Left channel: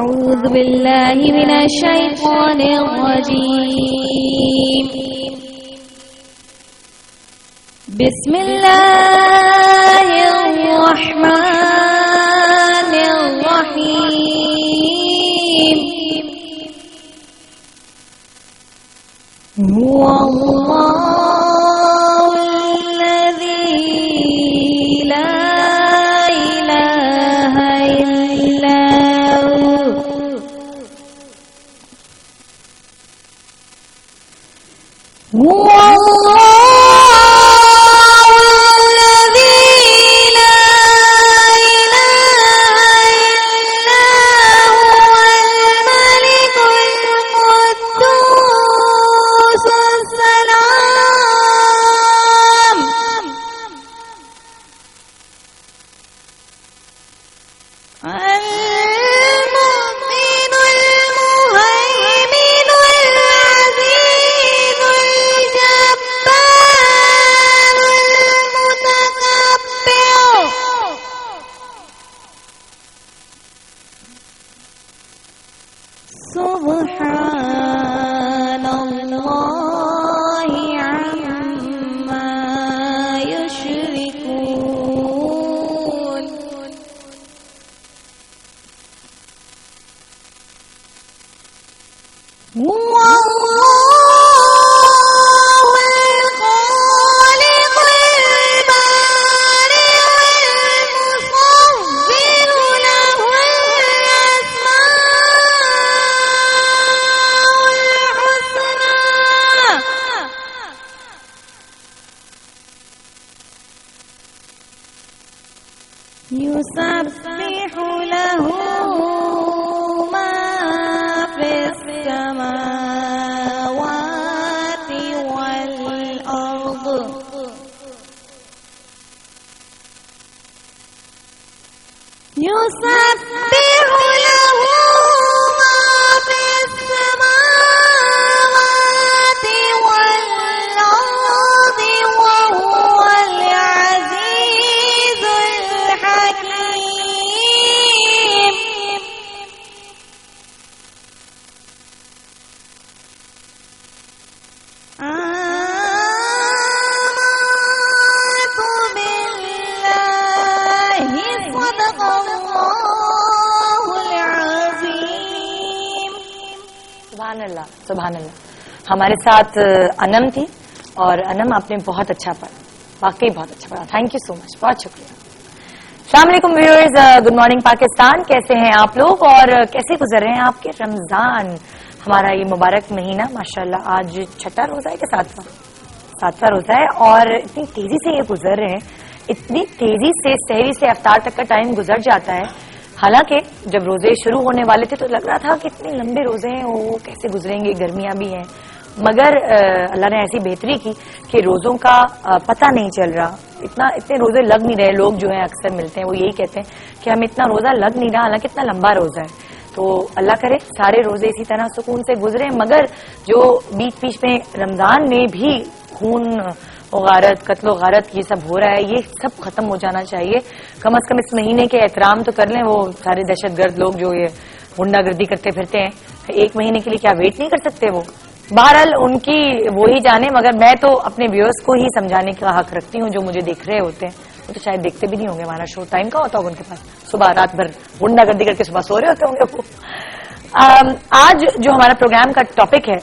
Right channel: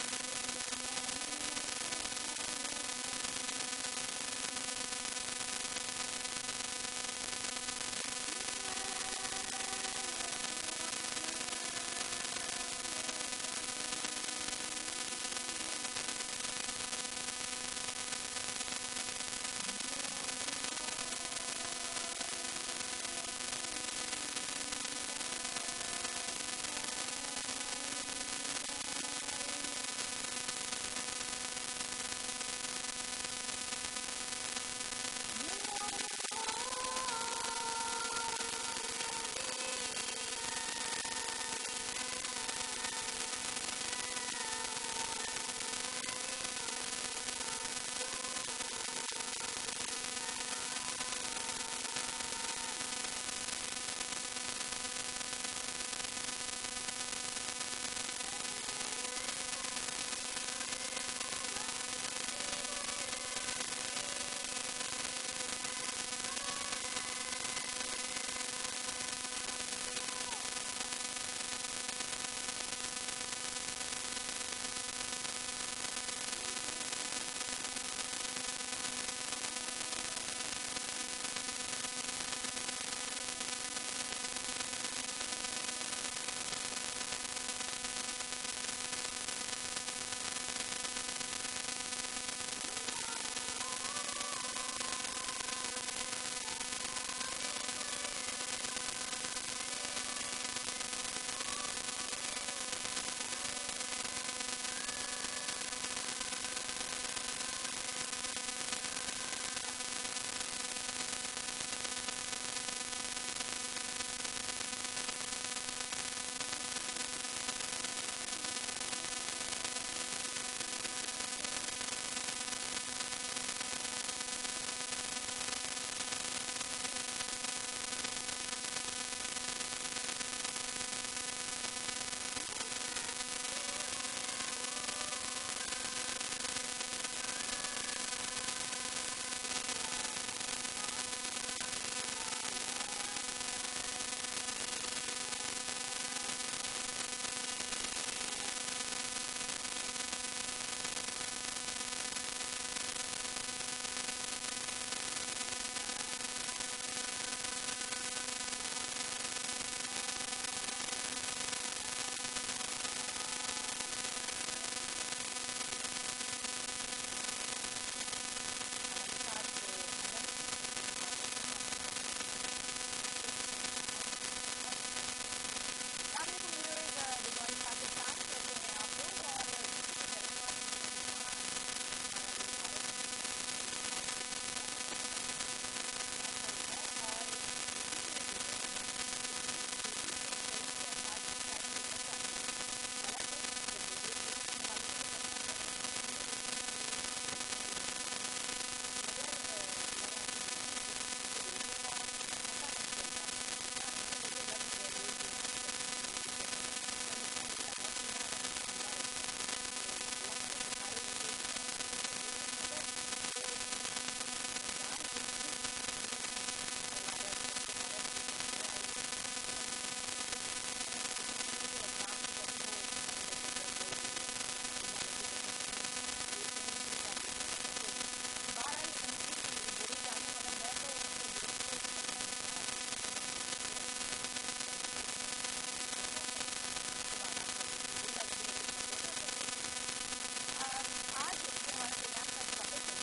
أعوذ بالله من الشيطان الرجيم. بسم الله الرحمن الرحيم. هو الله الذي لا إله إلا هو. سبحان الله عما يشركون. هو الله الخالق البارئ المصور له يسبح له ما في السماوات والأرض. يسبح له ما في السماوات والأرض وهو العزيز الحكيم. آمنت بالله. صدق الله العظيم. سبحان اللہ سبحان اللہ. ہمارے ساتھ انم تھی اور انم آپ نے بہت اچھا پڑھا، واقعی بہت اچھا پڑھا. تھینک یو سو مچ، بہت شکریہ. السلام علیکم ویورز، گڈ مارننگ پاکستان. کیسے ہیں آپ لوگ اور کیسے گزر رہے ہیں آپ کے رمضان؟ ہمارا یہ مبارک مہینہ ماشاءاللہ آج چھٹا روزہ ہے کہ ساتواں روزہ ہے اور اتنی تیزی سے یہ گزر رہے ہیں، اتنی تیزی سے سحری سے افطار تک کا ٹائم گزر جاتا ہے. حالانکہ جب روزے شروع ہونے والے تھے تو لگ رہا تھا کہ اتنے لمبے روزے ہیں، وہ کیسے گزریں گے، گرمیاں بھی ہیں. مگر اللہ نے ایسی بہتری کی کہ روزوں کا پتہ نہیں چل رہا، اتنے روزے لگ نہیں رہے. لوگ جو ہیں اکثر ملتے ہیں وہ یہی کہتے ہیں کہ ہمیں اتنا روزہ لگ نہیں رہا، حالانکہ اتنا لمبا روزہ ہے. تو اللہ کرے سارے روزے اسی طرح سکون سے گزرے. مگر جو بیچ میں رمضان میں بھی خون و غارت، قتل و غارت یہ سب ہو رہا ہے، یہ سب ختم ہو جانا چاہیے. کم از کم اس مہینے کے احترام تو کر لیں. وہ سارے دہشت گرد لوگ جو یہ غنڈہ گردی کرتے پھرتے ہیں، ایک مہینے کے لیے کیا ویٹ نہیں کر سکتے وہ؟ بہرحال ان کی وہی جانے. مگر میں تو اپنے ویورز کو ہی سمجھانے کا حق رکھتی ہوں جو مجھے دیکھ رہے ہوتے ہیں. وہ تو شاید دیکھتے بھی نہیں ہوں گے، ہمارا شو ٹائم کا ہوتا ہوگا ان کے پاس، صبح رات بھر غنڈہ گردی کر کے صبح سو رہے ہوتے ہوں گے وہ. آج جو ہمارا پروگرام کا ٹاپک ہے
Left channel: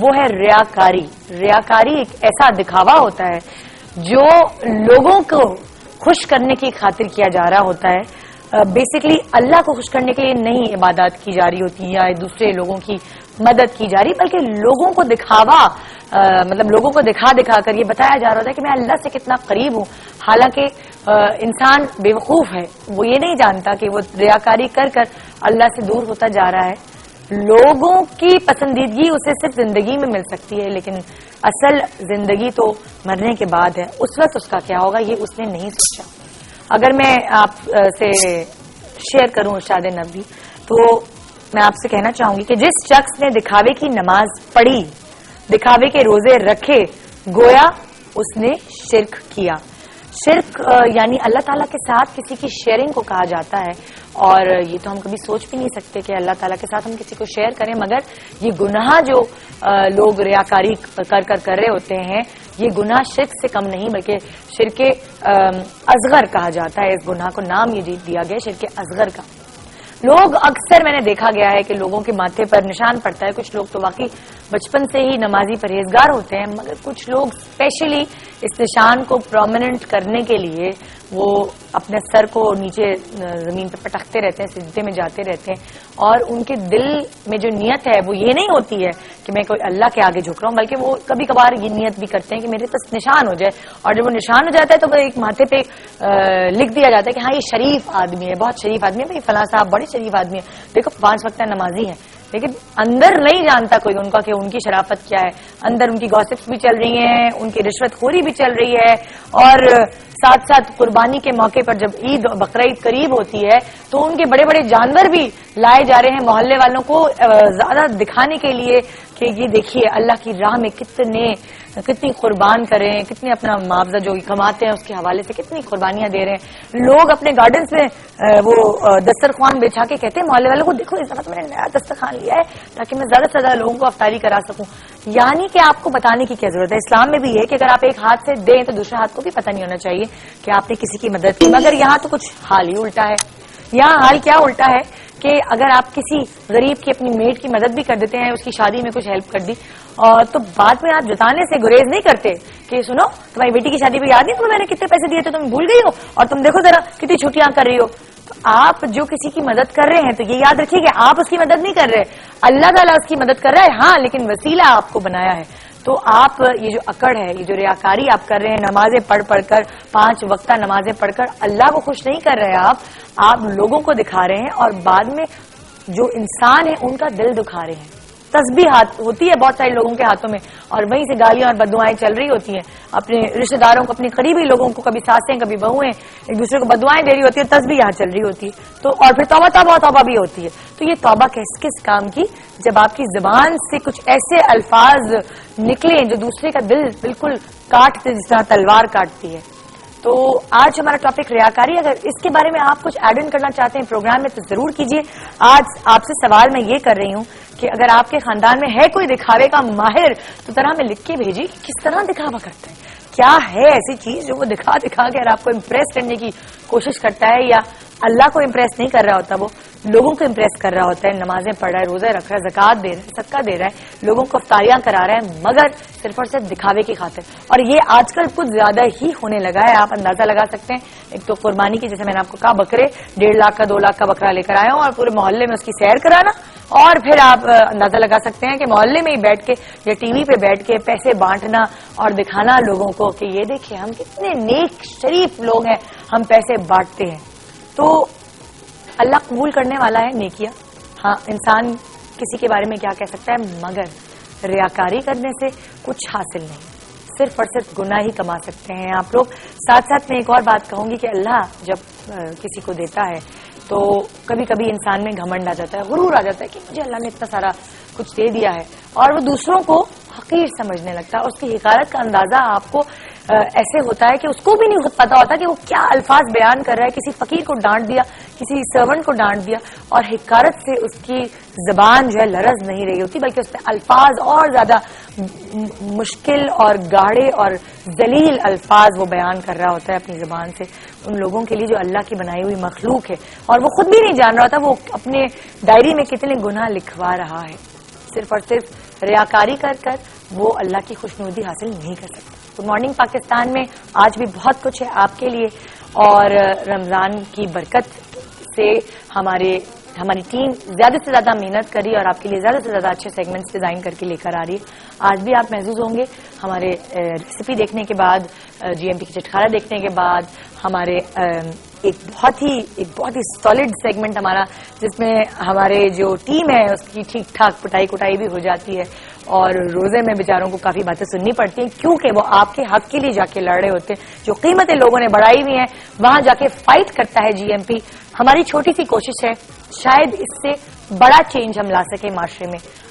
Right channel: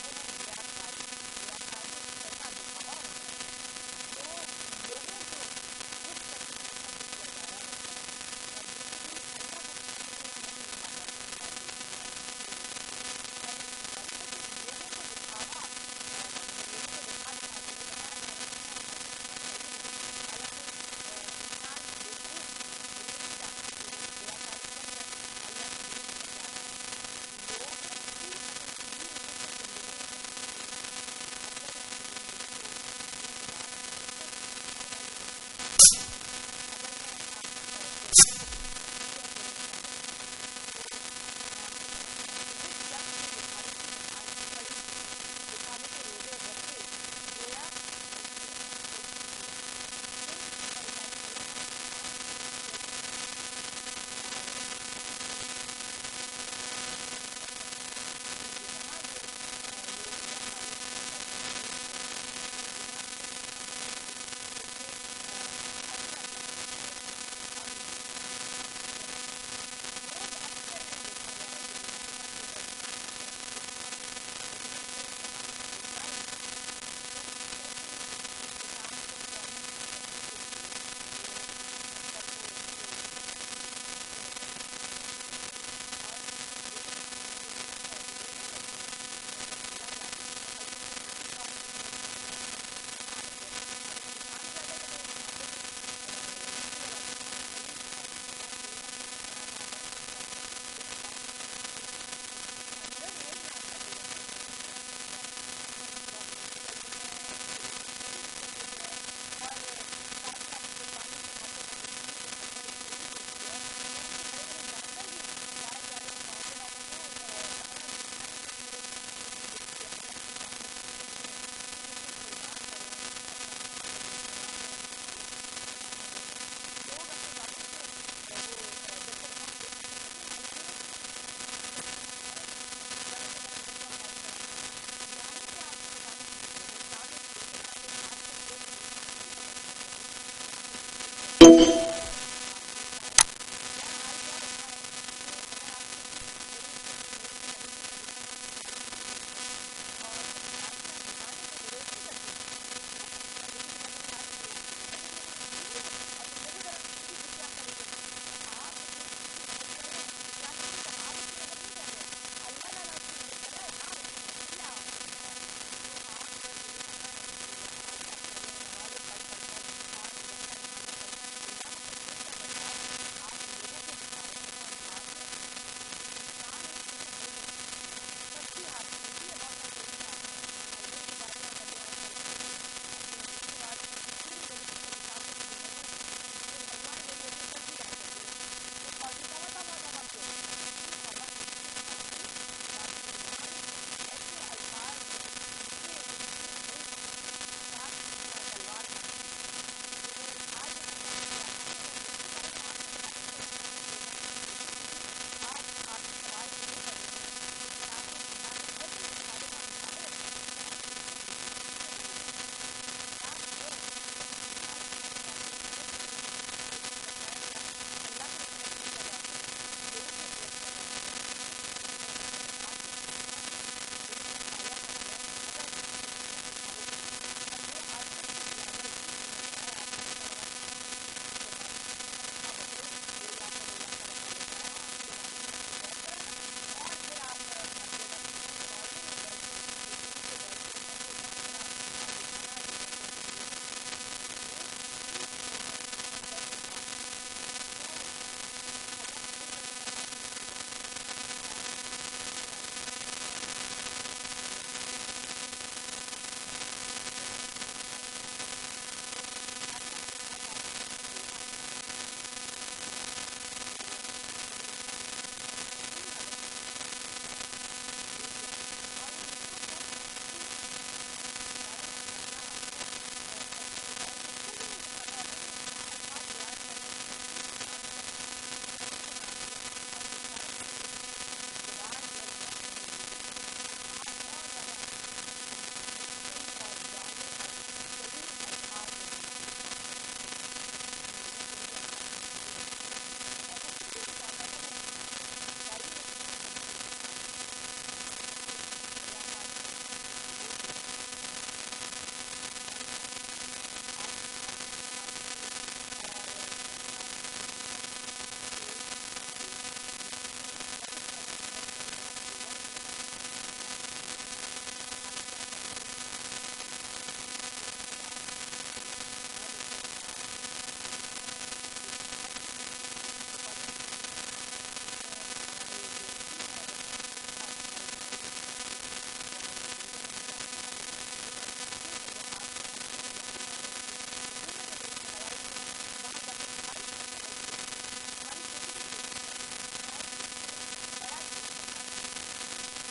وہ ہے ریاکاری. ریاکاری ایک ایسا دکھاوا ہوتا ہے جو لوگوں کو خوش کرنے کی خاطر کیا جا رہا ہوتا ہے. بیسکلی اللہ کو خوش کرنے کے لیے نہیں عبادات کی جا رہی ہوتی یا دوسرے لوگوں کی مدد کی جا رہی، بلکہ لوگوں کو دکھاوا مطلب لوگوں کو دکھا کر یہ بتایا جا رہا ہوتا ہے کہ میں اللہ سے کتنا قریب ہوں. حالانکہ انسان بیوقوف ہے، وہ یہ نہیں جانتا کہ وہ ریاکاری کر اللہ سے دور ہوتا جا رہا ہے. لوگوں کی پسندیدگی اسے صرف زندگی میں مل سکتی ہے، لیکن اصل زندگی تو مرنے کے بعد ہے. اس وقت اس کا کیا ہوگا یہ اس نے نہیں سوچا. اگر میں آپ سے شیئر کروں ارشاد نبی تو میں آپ سے کہنا چاہوں گی کہ جس شخص نے دکھاوے کی نماز پڑھی، دکھاوے کے روزے رکھے، گویا اس نے شرک کیا. شرک یعنی اللہ تعالیٰ کے ساتھ کسی کی شیئرنگ کو کہا جاتا ہے، اور یہ تو ہم کبھی سوچ بھی نہیں سکتے کہ اللہ تعالیٰ کے ساتھ ہم کسی کو شیئر کریں، مگر یہ گناہ جو لوگ ریاکاری کر رہے ہوتے ہیں، یہ گناہ شرک سے کم نہیں بلکہ شرک اصغر کہا جاتا ہے. اس گناہ کو نام یہ دیا گیا شرک اصغر کا. لوگ اکثر میں نے دیکھا گیا ہے کہ لوگوں کے ماتھے پر نشان پڑتا ہے. کچھ لوگ تو واقعی بچپن سے ہی نمازی پرہیزگار ہوتے ہیں، مگر کچھ لوگ اسپیشلی اس نشان کو پرومیننٹ کرنے کے لیے وہ اپنے سر کو نیچے زمین پہ پٹکتے رہتے ہیں، سجدے میں جاتے رہتے ہیں، اور ان کے دل میں جو نیت ہے وہ یہ نہیں ہوتی ہے کہ میں کوئی اللہ کے آگے جھک رہا ہوں، بلکہ وہ کبھی کبھار یہ نیت بھی کرتے ہیں کہ میرے پاس نشان ہو جائے. اور جب وہ نشان ہو جاتا ہے تو وہ ایک ماتھے پہ لکھ دیا جاتا ہے کہ ہاں یہ شریف آدمی ہے، بہت شریف آدمی ہے، بھائی فلاں صاحب بڑے شریف آدمی ہے، دیکھو 5 وقتہ نمازی ہیں. لیکن اندر نہیں جانتا کوئی ان کا کہ ان کی شرافت کیا ہے. اندر ان کی گوسپس بھی چل رہی ہیں، ان کی رشوت خوری بھی چل رہی ہے، اور ساتھ ساتھ قربانی کے موقع پر جب عید بقرعید قریب ہوتی ہے تو ان کے بڑے بڑے جانور بھی لائے جا رہے ہیں محلے والوں کو زیادہ دکھانے کے لیے کہ یہ دیکھیے اللہ کی راہ میں کتنی قربان کریں، کتنے اپنا معاوضہ جو کماتے ہیں اس کے حوالے سے کتنی قربانیاں دے رہے ہیں. لوگ اپنے گارڈنز میں وہ دسترخوان بچھا کے کہتے ہیں محلے والوں کو دیکھو اس وقت میں نے نیا دسترخوان لیا ہے تاکہ میں زیادہ سے زیادہ لوگوں کو افطاری کرا سکوں. یعنی کہ آپ کو بتانے کی کیا ضرورت ہے، اسلام میں بھی یہ کہ اگر آپ ایک ہاتھ سے دیں تو دوسرے ہاتھ کو بھی پتہ نہیں ہونا چاہیے کہ آپ نے کسی کی مدد کی. مگر یہاں تو کچھ حال ہی الٹا ہے. یہاں حال کیا الٹا ہے کہ اگر آپ کسی غریب کی اپنی میڈ کی مدد بھی کر دیتے ہیں، اس کی شادی میں کچھ ہیلپ کر دی، اور تو بعد میں آپ جتانے سے گریز نہیں کرتے کہ سنو تمہاری بیٹی کی شادی پہ یاد نہیں تمہیں میں نے کتنے پیسے دیے تھے، تم بھول گئی ہو، اور تم دیکھو ذرا کتنی چھٹیاں کر رہی ہو. آپ جو کسی کی مدد کر رہے ہیں تو یہ یاد رکھیے کہ آپ اس کی مدد نہیں کر رہے، اللہ تعالیٰ اس کی مدد کر رہا ہے، ہاں لیکن وسیلہ آپ کو بنایا ہے. تو آپ یہ جو اکڑ ہے، یہ جو ریاکاری آپ کر رہے ہیں، نمازیں پڑھ کر 5 وقتہ نمازیں پڑھ کر اللہ کو خوش نہیں کر رہے آپ لوگوں کو دکھا رہے ہیں، اور بعد میں جو انسان ہے ان کا دل دکھا رہے ہیں. تسبیح ہاتھ ہوتی ہے بہت سارے لوگوں کے ہاتھوں میں، اور وہیں سے گالیاں اور بددعائیں چل رہی ہوتی ہیں. اپنے رشتہ داروں کو، اپنے قریبی لوگوں کو، کبھی ساسیں کبھی بہویں ایک دوسرے کو بددعائیں دے رہی ہوتی ہے، تسبیح یہاں چل رہی ہوتی ہے. تو اور پھر توبہ بھی ہوتی ہے. تو یہ توبہ کس کام کی، جب آپ کی زبان سے کچھ ایسے الفاظ نکلیں جو دوسرے کا دل بالکل کاٹتے جس طرح تلوار کاٹتی ہے. تو آج ہمارا ٹاپک ریاکاری. اگر اس کے بارے میں آپ کچھ ایڈ ان کرنا چاہتے ہیں پروگرام میں تو ضرور کیجیے. آج آپ سے سوال میں یہ کر رہی ہوں کہ اگر آپ کے خاندان میں ہے کوئی دکھاوے کا ماہر تو طرح میں لکھ کے بھیجیے کہ کس طرح دکھاوا کرتا ہے، کیا ہے ایسی چیز جو وہ دکھا کے اگر آپ کو امپریس کرنے کی کوشش کرتا ہے، یا اللہ کو امپریس نہیں کر رہا ہوتا، وہ لوگوں کو امپریس کر رہا ہوتا ہے، نمازیں پڑھ رہا ہے، روزے رکھ رہا ہے، زکوٰۃ دے رہا ہے، صدقہ دے رہا ہے، لوگوں کو افطاریاں کرا رہا ہے، مگر صرف اور صرف دکھاوے کی خاطر. اور یہ آج کل کچھ زیادہ ہی ہونے لگا ہے. آپ اندازہ لگا سکتے ہیں، ایک تو قربانی کی، جیسے میں نے آپ کو کہا، بکرے 1.5 لاکھ کا 2 لاکھ کا بکرا لے کر آیا ہوں اور پورے محلے میں اس کی سیر کرانا، اور پھر آپ اندازہ لگا سکتے ہیں کہ محلے میں ہی بیٹھ کے یا ٹی وی پہ بیٹھ کے پیسے بانٹنا اور دکھانا لوگوں کو کہ یہ دیکھیں ہم کتنے نیک شریف لوگ ہیں، ہم پیسے بانٹتے ہیں. تو اللہ قبول کرنے والا ہے نیکیاں. ہاں انسان کسی کے بارے میں کیا کہہ سکتا ہے، مگر ریاکاری کرنے سے کچھ حاصل نہیں، صرف اور صرف گناہ ہی کما سکتے ہیں آپ لوگ. ساتھ ساتھ میں ایک اور بات کہوں گی کہ اللہ جب کسی کو دیتا ہے تو کبھی کبھی انسان میں گھمنڈ آ جاتا ہے، غرور آ جاتا ہے کہ مجھے اللہ نے اتنا سارا کچھ دے دیا ہے، اور وہ دوسروں کو حقیر سمجھنے لگتا ہے. اس کی حقارت کا اندازہ آپ کو ایسے ہوتا ہے کہ اس کو بھی نہیں پتا ہوتا کہ وہ کیا الفاظ بیان کر رہا ہے. کسی فقیر کو ڈانٹ دیا، کسی سرونٹ کو ڈانٹ دیا، اور حقارت سے اس کی زبان جو ہے لرز نہیں رہی ہوتی، بلکہ اس میں الفاظ اور زیادہ مشکل اور گاڑے اور ذلیل الفاظ وہ بیان کر رہا ہوتا ہے اپنی زبان سے ان لوگوں کے لیے جو اللہ کی بنائی ہوئی مخلوق ہے، اور وہ خود بھی نہیں جان رہا تھا وہ اپنے ڈائری میں کتنے گناہ لکھوا رہا ہے. صرف اور صرف ریاکاری کر وہ اللہ کی خوشنودی حاصل نہیں کر سکتا. گڈ مارننگ پاکستان میں آج بھی بہت کچھ ہے آپ کے لیے، اور رمضان کی برکت سے ہماری ٹیم زیادہ سے زیادہ محنت کری اور آپ کے لیے زیادہ سے زیادہ اچھے سیگمنٹس ڈیزائن کر کے لے کر آ رہی ہے. آج بھی آپ محظوظ ہوں گے ہمارے ریسیپی دیکھنے کے بعد، جی ایم ٹی کی چٹکارا دیکھنے کے بعد، ہمارے ایک بہت ہی سالڈ سیگمنٹ ہمارا، جس میں ہمارے جو ٹیم ہے اس کی ٹھیک ٹھاک پٹائی کٹائی بھی ہو جاتی ہے، اور روزے میں بیچاروں کو کافی باتیں سننی پڑتی ہیں کیونکہ وہ آپ کے حق کے لیے جا کے لڑ رہے ہوتے ہیں. جو قیمتیں لوگوں نے بڑھائی ہوئی ہیں وہاں جا کے فائٹ کرتا ہے جی ایم پی. ہماری چھوٹی سی کوشش ہے، شاید اس سے بڑا چینج ہم لا سکیں معاشرے میں.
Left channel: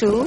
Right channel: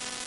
2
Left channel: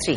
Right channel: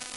3।